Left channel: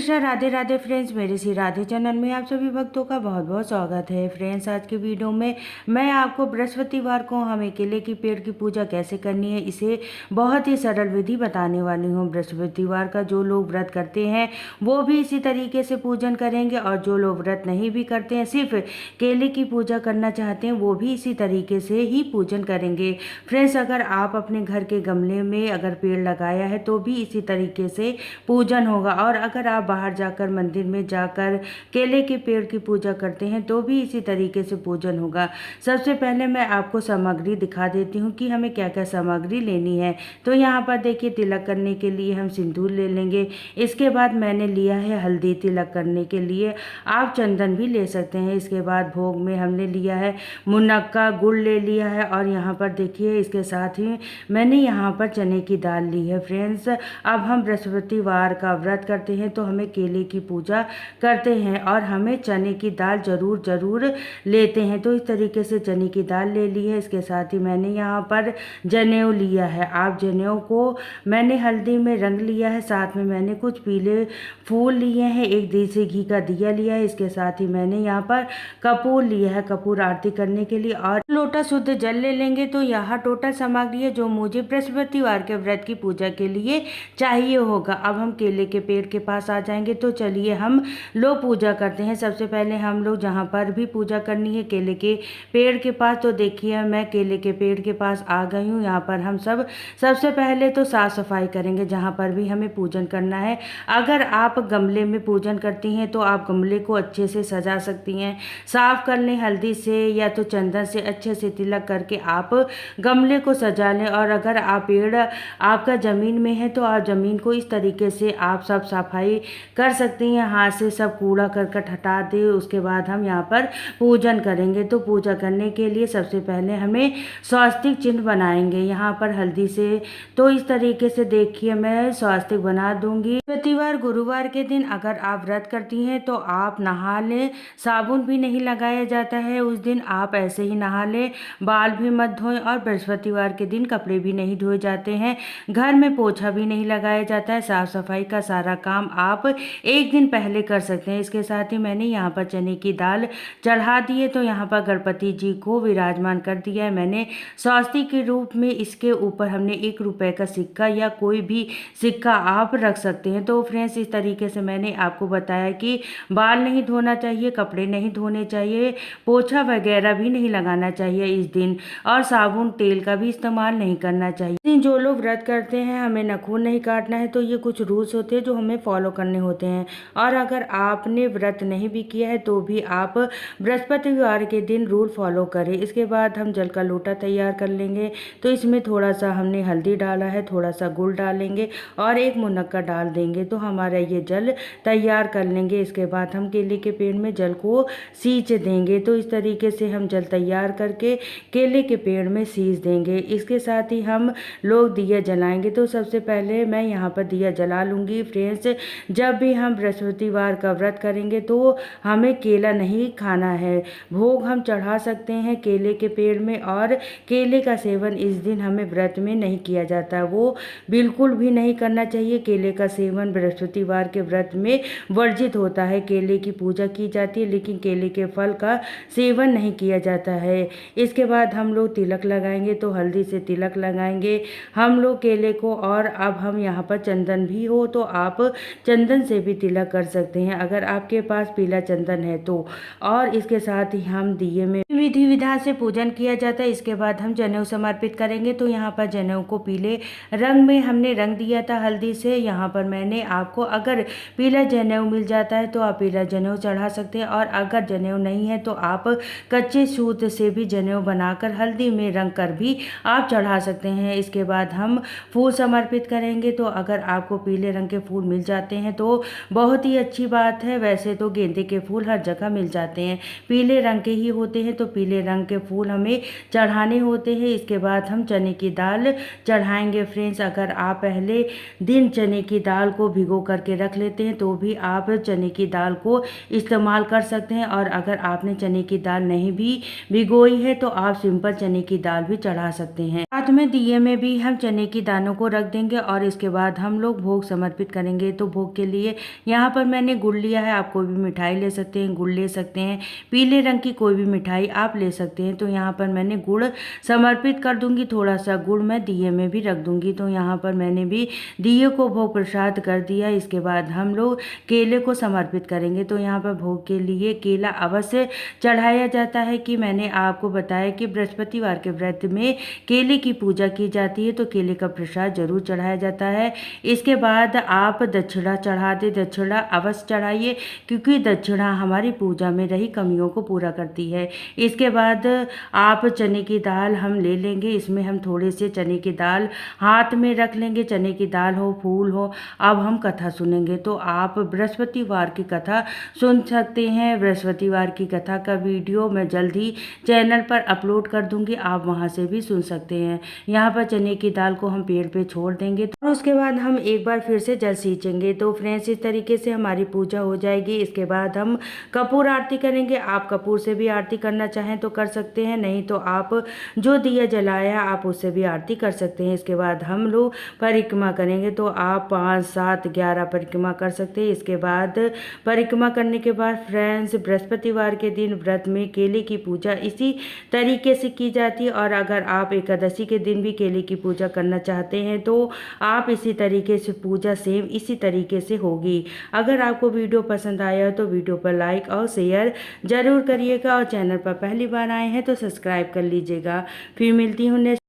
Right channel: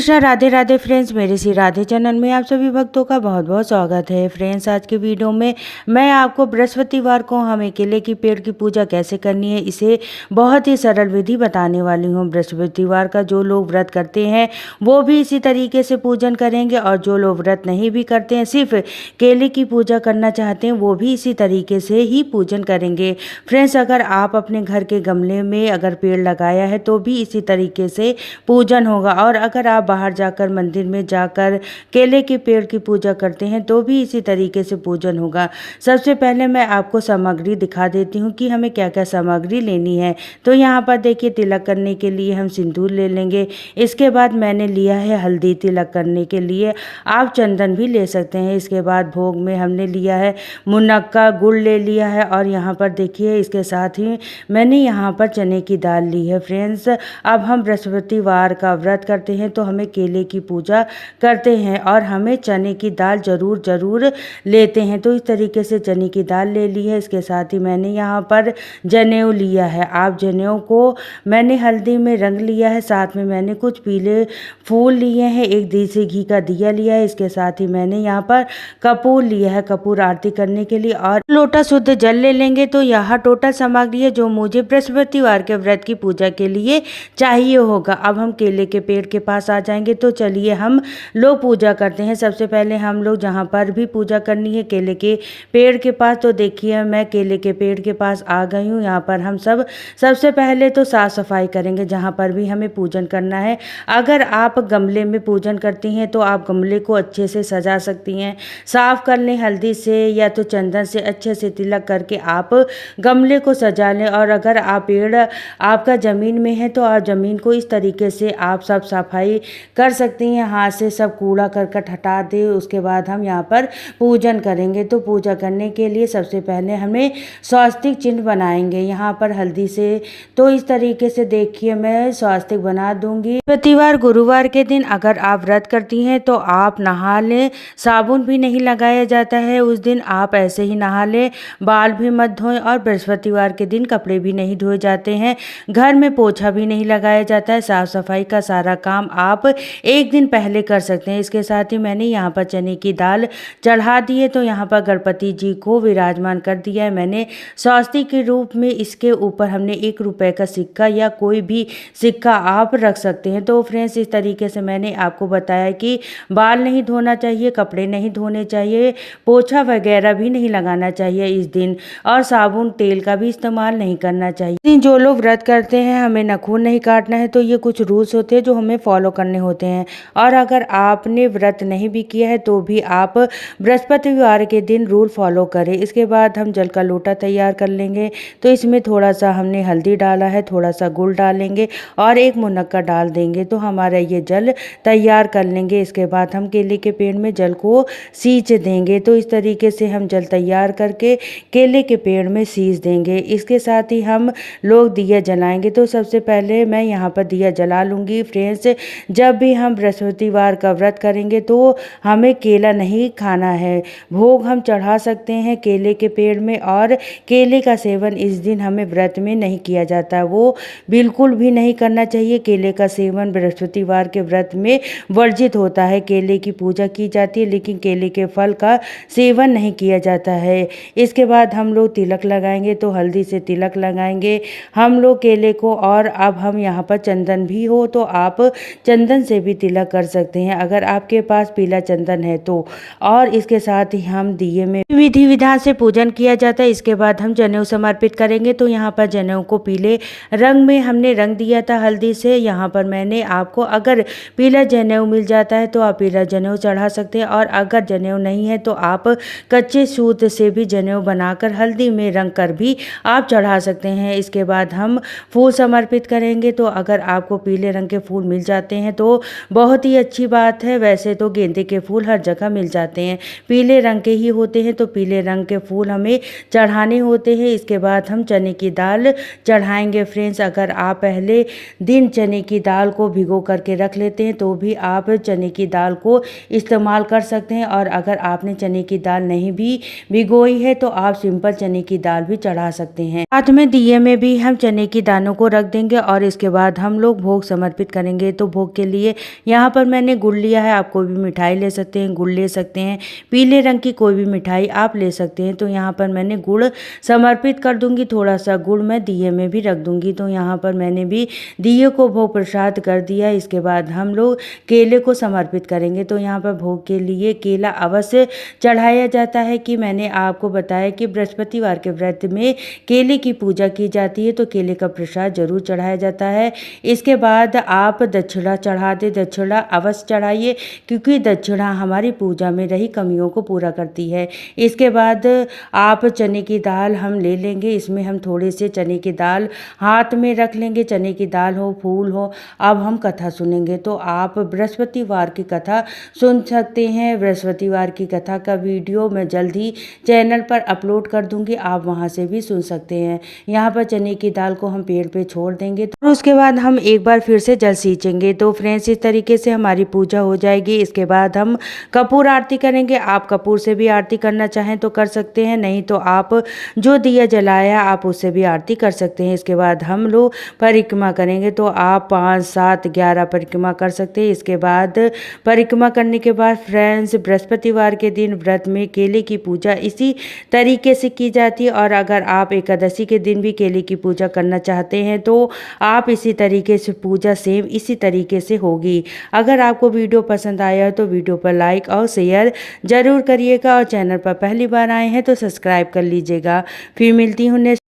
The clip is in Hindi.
कृष्णा राधे राधे फ्रेंड्स, मेरे श्री राधे चैनल में आप सभी भक्तों का बहुत बहुत स्वागत है। फ्रेंड्स, आज के वीडियो में मैं आपको बृहस्पतिवार को हमें केले की पेड़ की पूजा कैसे करनी है, इसे बहुत ही सरल विधि बताने वाली हूँ। बृहस्पतिवार का जो लोग व्रत करते हैं वो भी इसी तरीके से पूजन करेंगे, और जो लोग व्रत नहीं भी करते हैं, सिर्फ केले की पूजा करना चाहते हैं, वो भी इसी तरीके से ही पूजन करेंगे। फ्रेंड्स, अगर आप अपने घर के गमले में अगर पेड़ लगाया है तो भी इसी तरीके से पूजन होगा, और अगर आप बाहर जाकर मंदिर में जाकर केले के पेड़ की पूजा करते हैं तो भी इसी तरीके से पूजन होगा। सबसे पहले मैं आपको सामग्री दिखा देती हूँ कि हमें क्या क्या सामग्री लेनी है। तो यहाँ पर देखिए, तिलक करने के लिए हम सिंदूर ले लेंगे। इसके बाद मैंने लिया है हल्दी, तिलक करने के लिए आप चंदन भी ले सकते हैं। इसके बाद भोग में हमने लिया है मुनक्का, गुड़ ले लिया है, और यहाँ पर देखिए इसके साथ ही मैंने यहाँ पर चने की दाल ली है। फ्रेंड्स, अब हम बृहस्पतिवार का व्रत करते हैं तो हमें केले की पूजा करते हैं, और हमें चने की दाल ज़रूर लेते हैं। तो इस तरीके से चने की दाल ले ली है। इसके साथ ही मैंने यहाँ पर जनेऊ लिया है। आप जनेऊ को मैंने हल्दी में रंग लिया है, साथ में मैंने कुछ पीले फूल लिए हैं, एक देसी घी का दिया लिया है। इसके साथ ही मैंने यहाँ पर कपूर लिया है, कपूर आरती करने के लिए, और लोटा शुद्ध जल ले लेंगे। तो यह टोटल सामग्री है जो मुझे बृहस्पतिवार के व्रत की पूजा के लिए चाहिए होगा। अब हम केले के पेड़ के पास आ जाएंगे। तो चलिए हम लोग पूजा करते हैं। सबसे पहले हम लोग जहाँ पर भी पूजा करनी है केले के पेड़ के पास, तो देखिए मैं केले के पेड़ के पास आ गई हूँ। यहाँ पर हम सबसे पहले तो साफ़ सफाई करेंगे जहाँ पर भी हमें पूजन करना है। अगर आप गमले में पूजन करती हैं तो आप गमले को अच्छे से सजा सकती हैं, साफ़ कर लें हल्दी से या तो चंदन से, अच्छे से तिलक करके आप गमले को सजा लें। और अगर आप पेड़ आपका ज़मीन में है तो आप ज़मीन को इस तरीके से आप सब सफाई कर सकती हैं, हाथ से सब कूड़ा करकट हटा दें। उसके बाद हम यहाँ पर पूजन करेंगे। तो पूजा करने के लिए सबसे पहले हमें स्वास्तिक चिन्ह बनाएंगे यहाँ पर हल्दी से। तो इस तरीके से देखिए मैं स्वास्तिक बना दूंगी। बृहस्पतिवार गुरुवार के दिन अगर आप व्रत करती हैं तो आप नहा लें, साबुन भी नहीं लगाया जाता है उस दिन, आप ऐसे ही नहा लें, बाल भी मत धोएं, और बृहस्पतिवार के दिन कपड़े भी नहीं धोए जाते हैं, घर में पोछा भी नहीं लगाया जाता है। साफ सफाई का सारा काम आप एक दिन पहले कर सकते हैं। इसके साथ ही मैंने यहाँ पर चने की दाल चढ़ा दी है। तो यहाँ पर गणपति जी को विराजमान कर दिया है मैंने स्वास्तिक के रूप में। इसके ऊपर हमने 1 रुपए का सिक्का या कोई भी सिक्का आप रख सकते हैं। तो फ्रेंड्स, इस तरीके से मैंने आपको बताया कि बाल नहीं धोना चाहिए, कपड़े नहीं धोने चाहिए, पोछा वगैरह भी नहीं लगाना चाहिए इस दिन, और साबुन तेल का भी इस्तेमाल नहीं करना चाहिए। जो लोग व्रत करते हैं हमें नाखून नहीं काटना है। तो ये कुछ रूल्स होते हैं जो हमें फॉलो करने होते हैं। और अगर आपने व्रत नहीं भी किया है तो भी आप बृहस्पतिवार के दिन रूल फॉलो करें। इसके बाद हम जल का लोटा तैयार कर लेंगे। तो इसमें थोड़ा सा हमने हल्दी डाला है, थोड़ा सा गुड़ डालेंगे और एक मुनक्का डाल देंगे। तो हमारा ये जल तैयार कर लेंगे। इसके बाद हम केले के पेड़ में जल को सींच देंगे। तो इस तरीके से हम जल तैयार करके केले के पेड़ में सींच देंगे। इसके साथ ही हम लोग दिया जलाएंगे। तो सबसे पहले मैं यहाँ पर दिया जला लूँगी। फ्रेंड्स, जब भी हम बृहस्पतिवार का व्रत करेंगे तो हमें केला नहीं खाना है। भोग हम चढ़ा सकते हैं केले के पेड़ में, और केले का सेवन इस दिन हमें व्रत में नहीं किया जाता, वो बिल्कुल भी नहीं करना चाहिए। केले का सेवन बृहस्पतिवार के व्रत में वर्जित होता है। केले की पूजा की जाती है लेकिन केले के फल का सेवन नहीं किया जाता है। इसके बाद हम लोग तिलक लगाएंगे। तो हल्दी से तिलक लगाएंगे हम लोग केले को, और अब हम यहाँ पर चंदन भी हो तो आप चंदन से भी तिलक कर सकते हैं अगर आपके पास पीला चंदन है तो। और इसके साथ ही हम दिए में विधि विधान से पूजन किया जाता है। इसके बाद हम जनेऊ समर्पित करेंगे। तो यहाँ पर जनेऊ को पीले रंग में हमने रंग दिया था हल्दी से। यहाँ पर मैंने आपको, अगर पीला जनेऊ मिल जाता है तो आप पीला जनेऊ चढ़ा सकते हैं, और अगर जनेऊ नहीं है तो आप कच्चे सूत से भी जनेऊ बनाकर हल्दी में रंग कर भी आप चढ़ा सकते हैं। इसके बाद हम फूल समर्पित करेंगे। तो अगर आपको पीले रंग के फूल मिल जाते हैं तो बहुत ही अच्छी बात है। वैसे तो गेंदे के फूल हर जगह मिल जाते हैं, पीले रंग के ही होते हैं, तो पीले रंग के फूल हमें चढ़ाने होते हैं। इसके बाद हम चने की दाल चढ़ाएंगे। फ्रेंड्स, अगर आप पहले दिन चने की दाल को भिगो करके रख लेते हैं तो भी आप चने की दाल को इस्तेमाल कर सकते हैं, और अगर आपने चने की दाल नहीं भी भिगोई है तो आप सिंपल चने की दाल भी चढ़ा सकते हैं। साथ में दिए में भी हम चने की दानों को रख देंगे, और इसके बाद हम लोग भोग समर्पित करेंगे। तो भोग के लिए यहाँ पर मैंने गुड़ लिया है। आप कोई भी मिठाई ले सकते हैं, गुड़ ले सकते हैं, पीले रंग की कोई भी मिठाई आप ले सकते हैं। तो यहाँ पर मैंने गुड़ समर्पित कर दूंगी, थोड़ा सा गुड़ मैं दिए में भी रख दूंगी। तो यहाँ पर मैंने भी दिए को भोग प्रसाद कर दिया। इसके बाद हम लोग केले को समर्पित करेंगे। तो यहाँ पर भोग के लिए केला अवश्य चढ़ाया जाता है। कि मैंने आपको बताया कि बृहस्पतिवार के व्रत में केले की पूजा की जाती है, तो केले का प्रसाद जरूर चढ़ाया जाता है। इसके बाद आप दक्षिणा चढ़ा दे, दक्षिणा अवश्य चढ़ाइए, क्योंकि दक्षिणा हमारी पूजा में रही कमियों को पूरा करती है। इसके बाद आप चने की दाल हम ले लेंगे। इसमें हम थोड़े से चने की दाल हाथ में रख लेंगे। चने की दाल हो, फूल हो। अब हम कथा सुनेंगे। तो आप बृहस्पतिवार की कथा सुन सकते हैं। बृहस्पतिवार की कथा का वीडियो मैं जल्द ही चैनल पर अपलोड कर दूंगी, आप वहां से भी सुन सकते हैं। यहाँ पर चने की दाल को हम पेड़ पे छोड़ देंगे, तो उसके बाद हम एक बार फिर से जल सींचेंगे। तो फ्रेंड्स, इस तरीके से हमारी पूजा हो जाएगी। इसके बाद हम कपूर आरती करेंगे। आप कपूर से भी आरती करना चाहें तो कर सकते हैं, नहीं तो आप जो दिया जलाया आप उससे भी आरती कर सकते हैं। इसके बाद हम लोग परिक्रमा करेंगे। तो आप 5, 7, 11 परिक्रमा कर सकते हैं। इसके बाद परिक्रमा करने के बाद फ्रेंड्स, बृहस्पतिवार के दिन व्रत में केले की पूजा इसी तरीके से की जाती है। और अगर आप एकादशी के दिन भी केले की पूजा करना चाहते हैं तो आप इसी तरीके से पूजा सेम इसी तरीके से होगी। अगर आपको वीडियो पसंद आया है तो वीडियो पर लाइक और शेयर ज़रूर करिएगा, और चैनल पर पहली बार आए हैं तो सब्सक्राइब कर लीजिएगा। फिर मिलती हूँ नेक्स्ट